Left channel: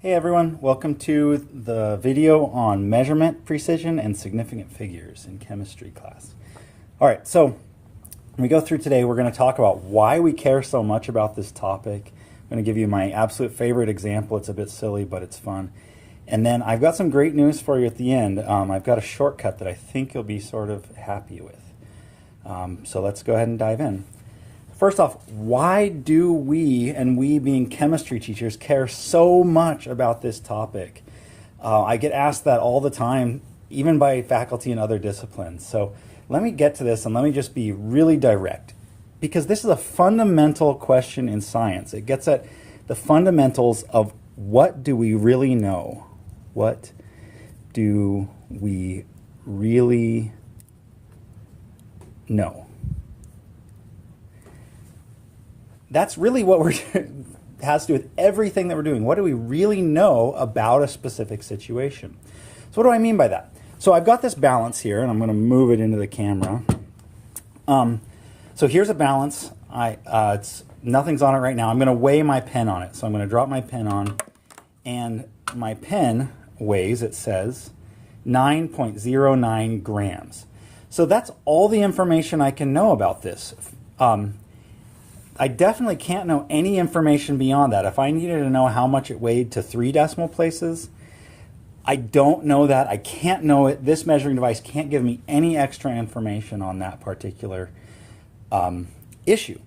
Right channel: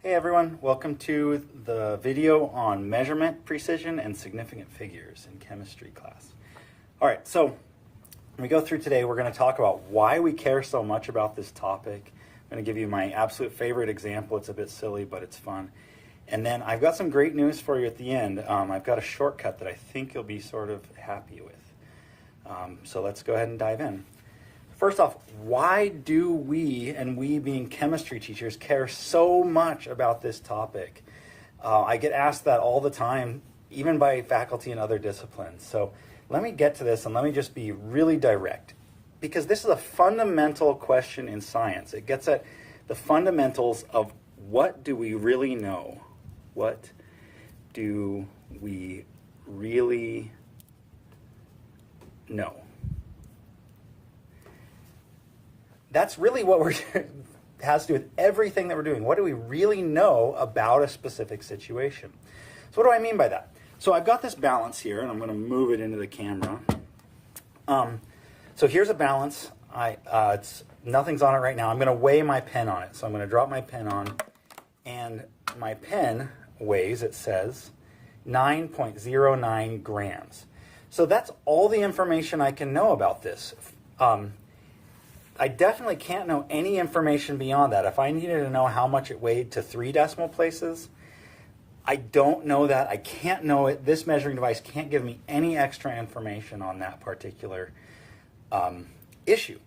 Hey everyone, welcome to the video on measurement, precision, and significant figures in chemistry class. All right, so when we go through today, we're going to talk about why we care so much about this topic. I'm going to give you my absolute favorite example. It's a bit silly, but it's fun. And then I've got some great news for you at the end. I've got a shortcut that I think you'll be sort of happy with. So let's go ahead and dive in. First off, why do we, and we being chemistry teachers, care so much about this topic? I get asked that all the time, even by faculty in other disciplines. So let me get to this and let me just be really direct, because this is a fundamental question in science. It gets at the fundamentals of what do we really know? What do we really know? That's really what has to do with everything that we're doing. What do we really know about a specific situation? So what do I mean by that? So I've got this balance here, and I'm going to move it into the camera. So here's a balance. Nothing's on it right now. I'm going to weigh my pen on it. So I'm going to drop my pen on, and my pen weighs, it says, 9.09 grams. So that's all the information I can know about this. I definitely can't know any information beyond that. If I needed to know how much it weighed to 3 decimal places, I don't know that. I can't know it. This measuring device can't give me any extra information on that particular issue.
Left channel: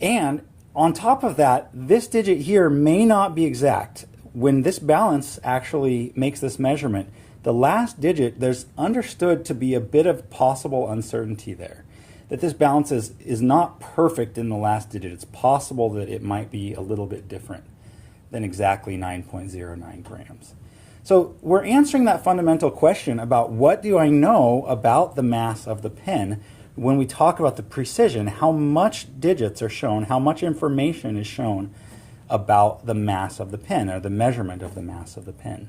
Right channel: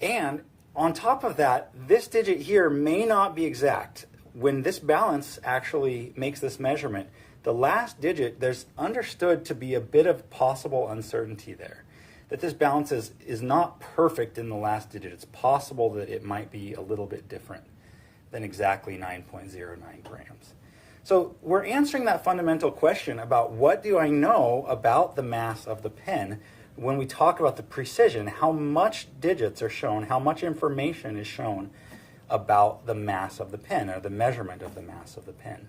And on top of that, this digit here may not be exact. When this balance actually makes this measurement, the last digit, there's understood to be a bit of possible uncertainty there. That this balance is not perfect in the last digit. It's possible that it might be a little bit different than exactly 9.09 grams. So we're answering that fundamental question about what do I know about the mass of the pen when we talk about the precision, how much digits are shown, how much information is shown about the mass of the pen or the measurement of the mass of the pen.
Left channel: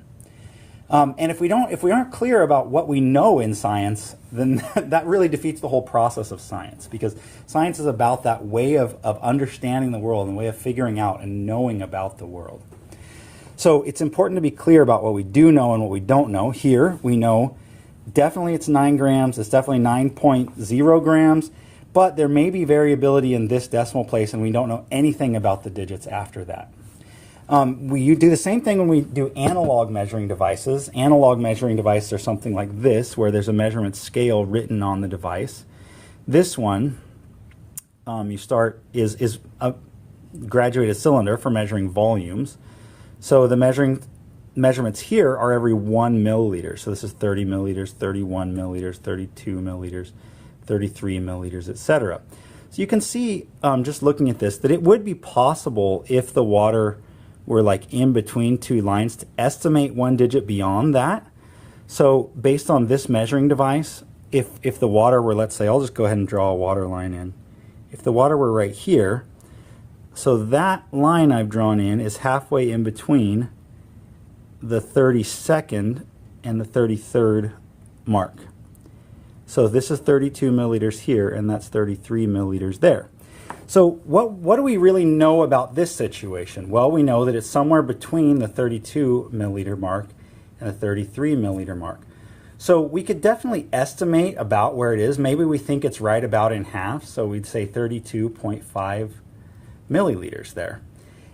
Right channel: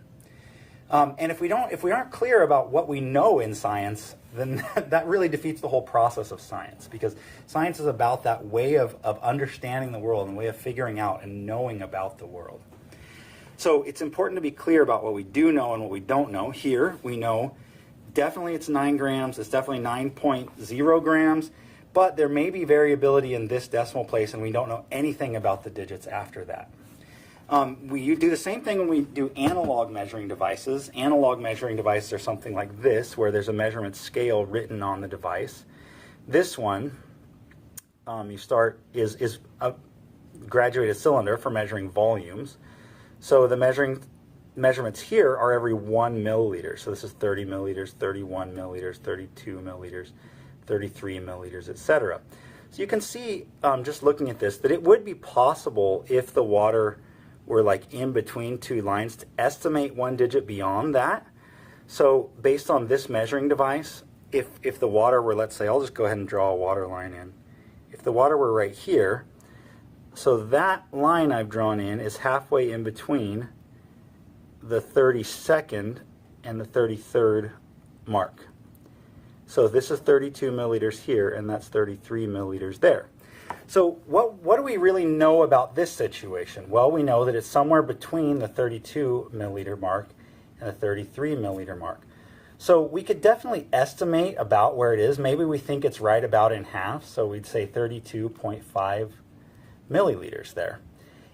And if we aren't clear about what we know in science, then that really defeats the whole process of science, because science is about that way of understanding the world and way of figuring out and knowing about the world. So it's important to be clear about what we do know and what we don't know. Here we know definitely it's 9 grams, it's definitely 9.0 grams, but there may be variability in this decimal place and we don't know anything about the digits after that. We do the same thing when we do analog measuring devices. Analog measuring devices are something like this, where there's a measurement scale written on the device. This one, is a graduated cylinder for measuring volumes. So the measurements here are every 1 milliliter. So this is 30 milliliters, 31 milliliters, 32 milliliters, 33 milliliters, etc. So you can see, just looking at this, that it would be possible if the water were like in between 2 lines to estimate 1 digit beyond that. So based on this measuring device, if the water were, let's say, I'll just go ahead and draw a water line in. If the water were right here, so that line I've drawn in is halfway in between the 32nd and the 33rd mark. So this is 32 milliliters here, and that's 33 milliliters there. So what do we really know about this situation? Well, we know that it's somewhere between the 32 milliliter mark and the 33 milliliter mark. So we could definitely estimate about where it is. Maybe we think it's right about in half, so we'd say 32.5 milliliters there.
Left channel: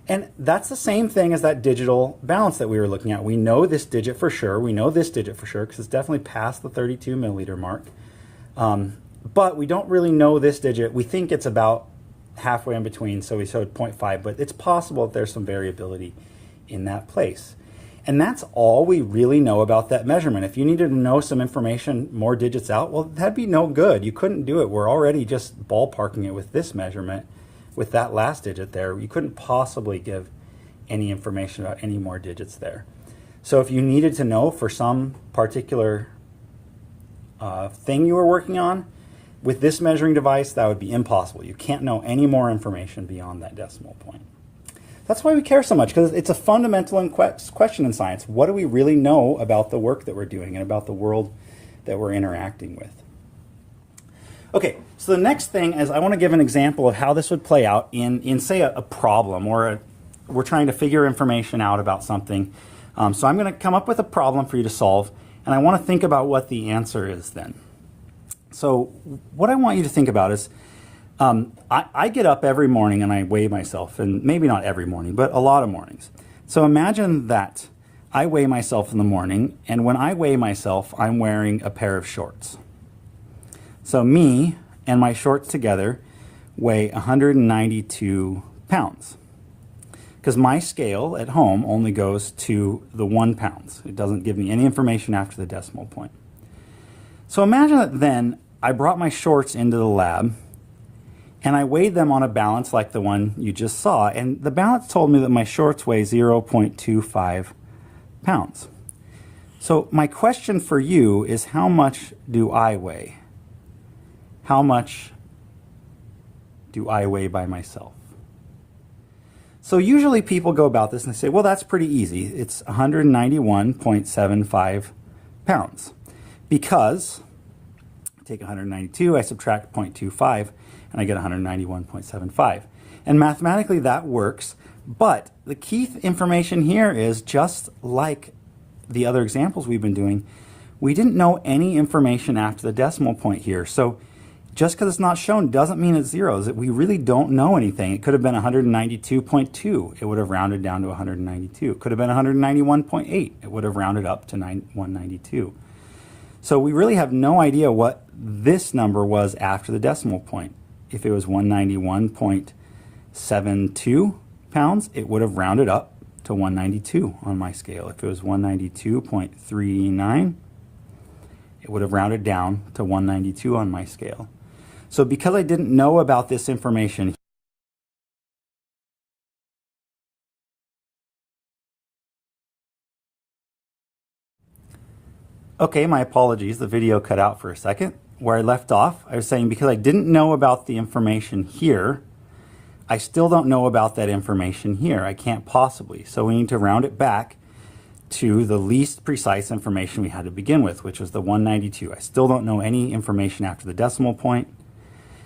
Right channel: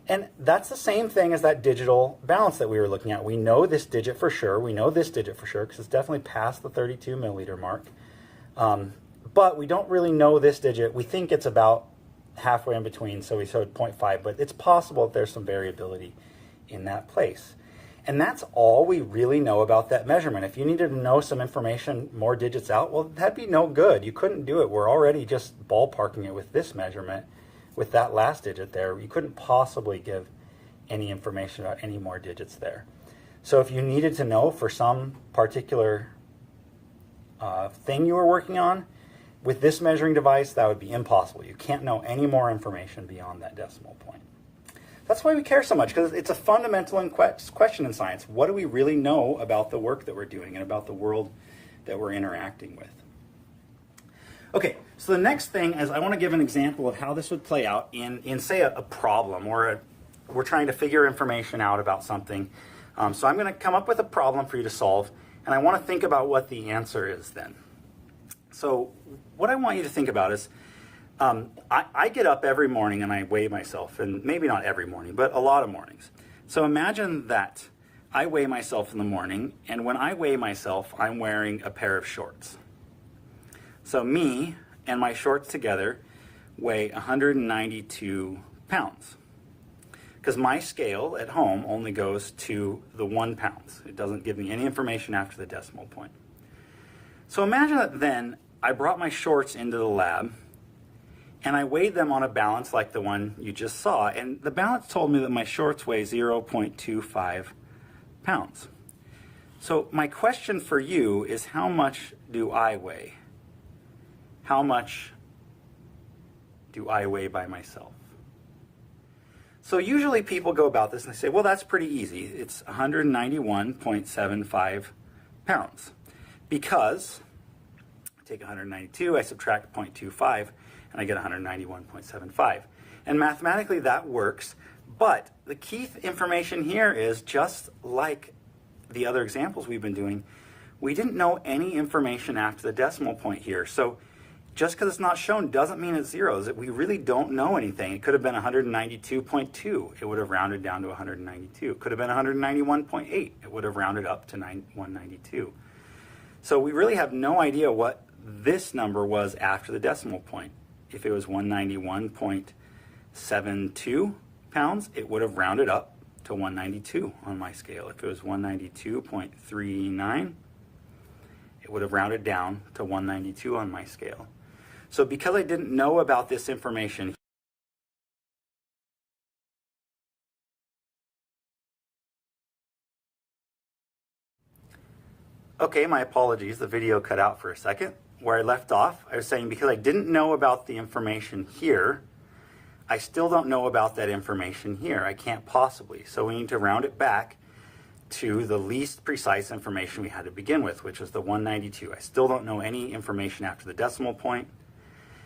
And that's the same thing as that digital balance that we were looking at. We know this digit for sure. We know this digit for sure because it's definitely past the 32 milliliter mark. But we don't really know this digit. We think it's about halfway in between, so we showed 0.5, but it's possible that there's some variability in that place. And that's all we really know about that measurement. If you needed to know some information more digits out, well, that'd be no good. You couldn't do it. We're already just ballparking it with this measurement, with that last digit there. You couldn't possibly give any information about any more digits there. So if you needed to know for some particular thing you were working on, with this measuring device, that would be impossible. You can't know any more information beyond that decimal point. That's why we care so much, because it's a fundamental question in science. What do we really know about the work that we're doing and about the world that we're interacting with? Okay, so the next thing is I want to give an example of how this would play out in say, a problem or we're trying to figure information out about something. So I'm going to come up with a problem for you to solve, and I want to think about what the answer is then. So what I want you to think about is, I get up every morning and I weigh myself, and maybe not every morning, but a lot of mornings. So imagine that I weigh myself in the morning, and when I weigh myself, I'm wearing a pair of shorts. So me and my shorts together weigh 192 pounds. Because my scale at home only goes to the 1 pound. It doesn't give me any information after the decimal point. So imagine that then I brought my shorts into the lab and I weighed them on a balance like the one you just saw, and the balance told me that my shorts weigh 0.25 pounds. So my question for you is, how much do I weigh? How much do I weigh by myself? So usually people go about this and they say, well, that's pretty easy. It's 191.75 pounds. Because I take 192, I subtract 0.25, and I get 191.75. And mathematically that works, but the key information here is, just like the other examples we've been doing, we didn't know any information after the decimal point here. So just because it's not shown doesn't mean it's zeros. We really don't know anything. It could have been 192.2. It would have rounded down to 192. It could have been 191.8. It would have rounded up to 192. So we really have no idea what this number was after the decimal point. If it was 191.72 pounds, it would have rounded up to 192 on my scale. If it was 192.39, it would have rounded down to 192 on my scale. So because I didn't know about this information, okay, my apologies, the video cut out for a second. Where I left off, I was saying because I didn't know about the information here, I still don't know about that information here. I can't possibly. So we need to round it back to the least precise information we had to begin with, which was the 192. I still don't know any information after the decimal point.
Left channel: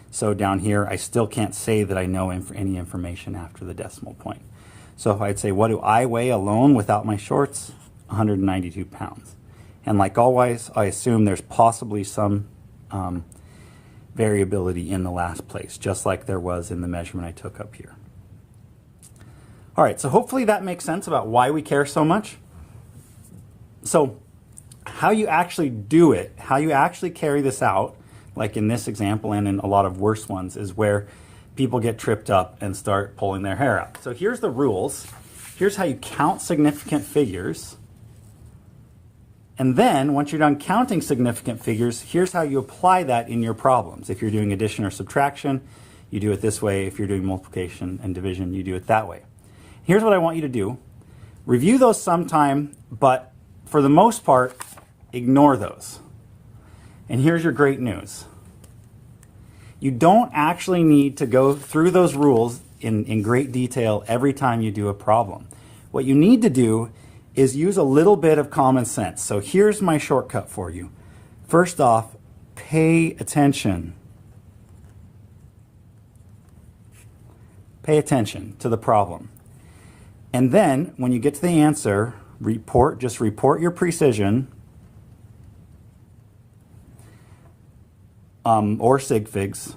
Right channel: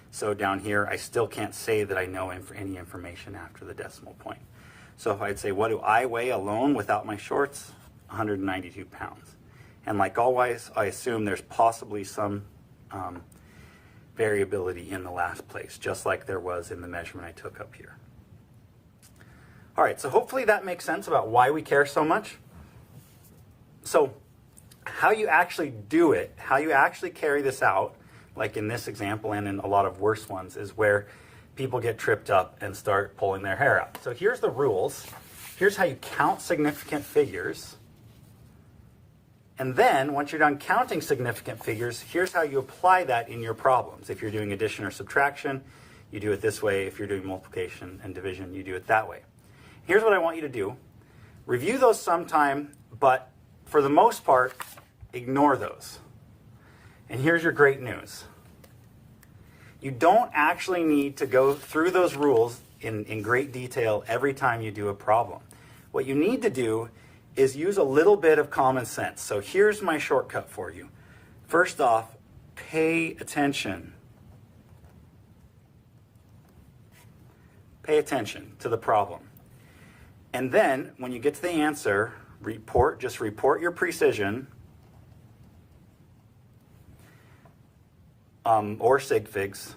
So down here, I still can't say that I know any information after the decimal point. So if I'd say, what do I weigh alone without my shorts? 192 pounds. And like always, I assume there's possibly some variability in the last place, just like there was in the measurement I took up here. All right, so hopefully that makes sense about why we care so much. So how you actually do it, how you actually carry this out, like in this example and in a lot of worse ones, is where people get tripped up and start pulling their hair out. So here's the rules. Here's how you count significant figures. And then, once you're done counting significant figures, here's how you apply that in your problems. If you're doing addition or subtraction, you do it this way. If you're doing multiplication and division, you do it that way. Here's what I want you to do. Review those sometime, but for the most part, ignore those. And here's your great news. You don't actually need to go through those rules in great detail every time you do a problem. What you need to do is use a little bit of common sense. So here's my shortcut for you. First off, pay attention. Pay attention to the problem. And then when you get to the answer, just report your precision or sig figs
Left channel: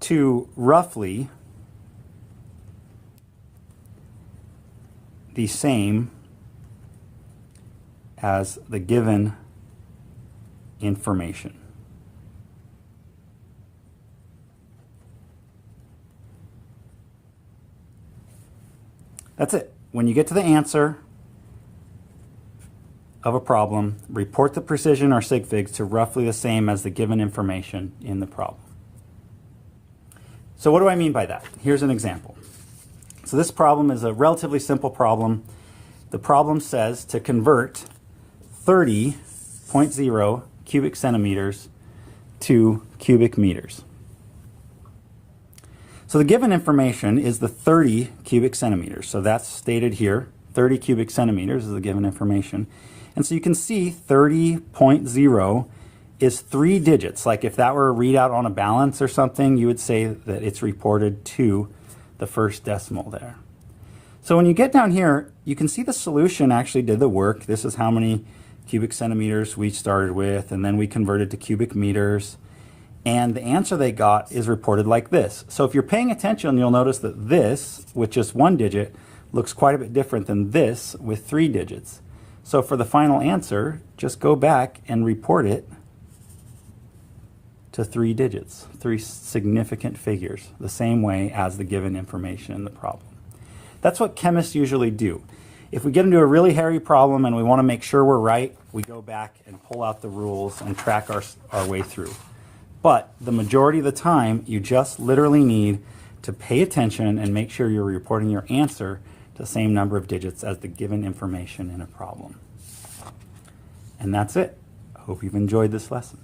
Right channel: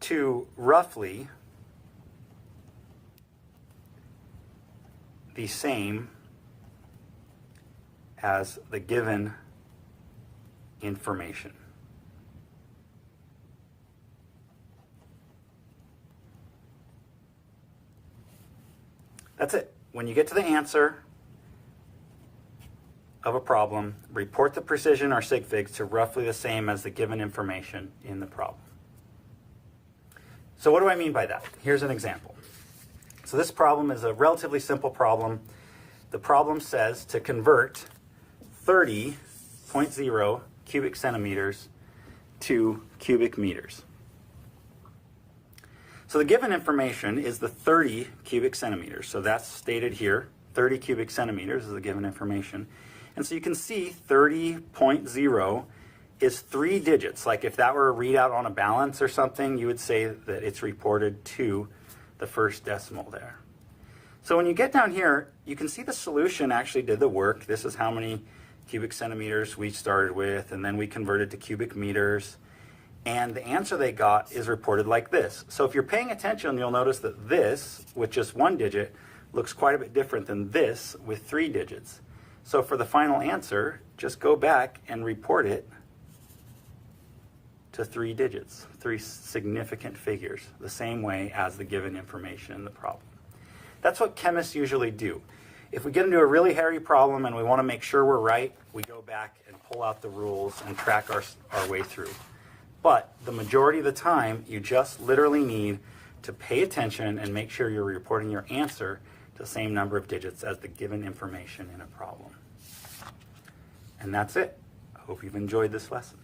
to roughly the same as the given information. That's it. When you get to the answer of a problem, report the precision or sig figs to roughly the same as the given information in the problem. So what do I mean by that? Here's an example. So this problem is a relatively simple problem. The problem says to convert 30.0 cubic centimeters to cubic meters. So the given information is the 30 cubic centimeters. So that's stated here. 30 cubic centimeters is the given information. And so you can see 30.0 is 3 digits. Like if that were a readout on a balance or something, you would say that it's reported to the first decimal there. So when you get down here, you can see the solution actually did the work. This is how many cubic centimeters we started with, and then we converted to cubic meters. And the answer they got is reported like this. So if you're paying attention, you'll notice that this, with just 1 digit, looks quite a bit different than this with 3 digits. So for the final answer, just go back and report it to 3 digits, 3 significant figures, the same way as the given information in the problem. That's what chemists usually do. If we get into a really hairy problem and we want to make sure we're right, we go back and pull out the rules and track our way through. But the majority of the time, you just literally need to pay attention and make sure you're reporting your answer to the same number of digits as the given information in a problem. And that's it. I hope you've enjoyed this lesson.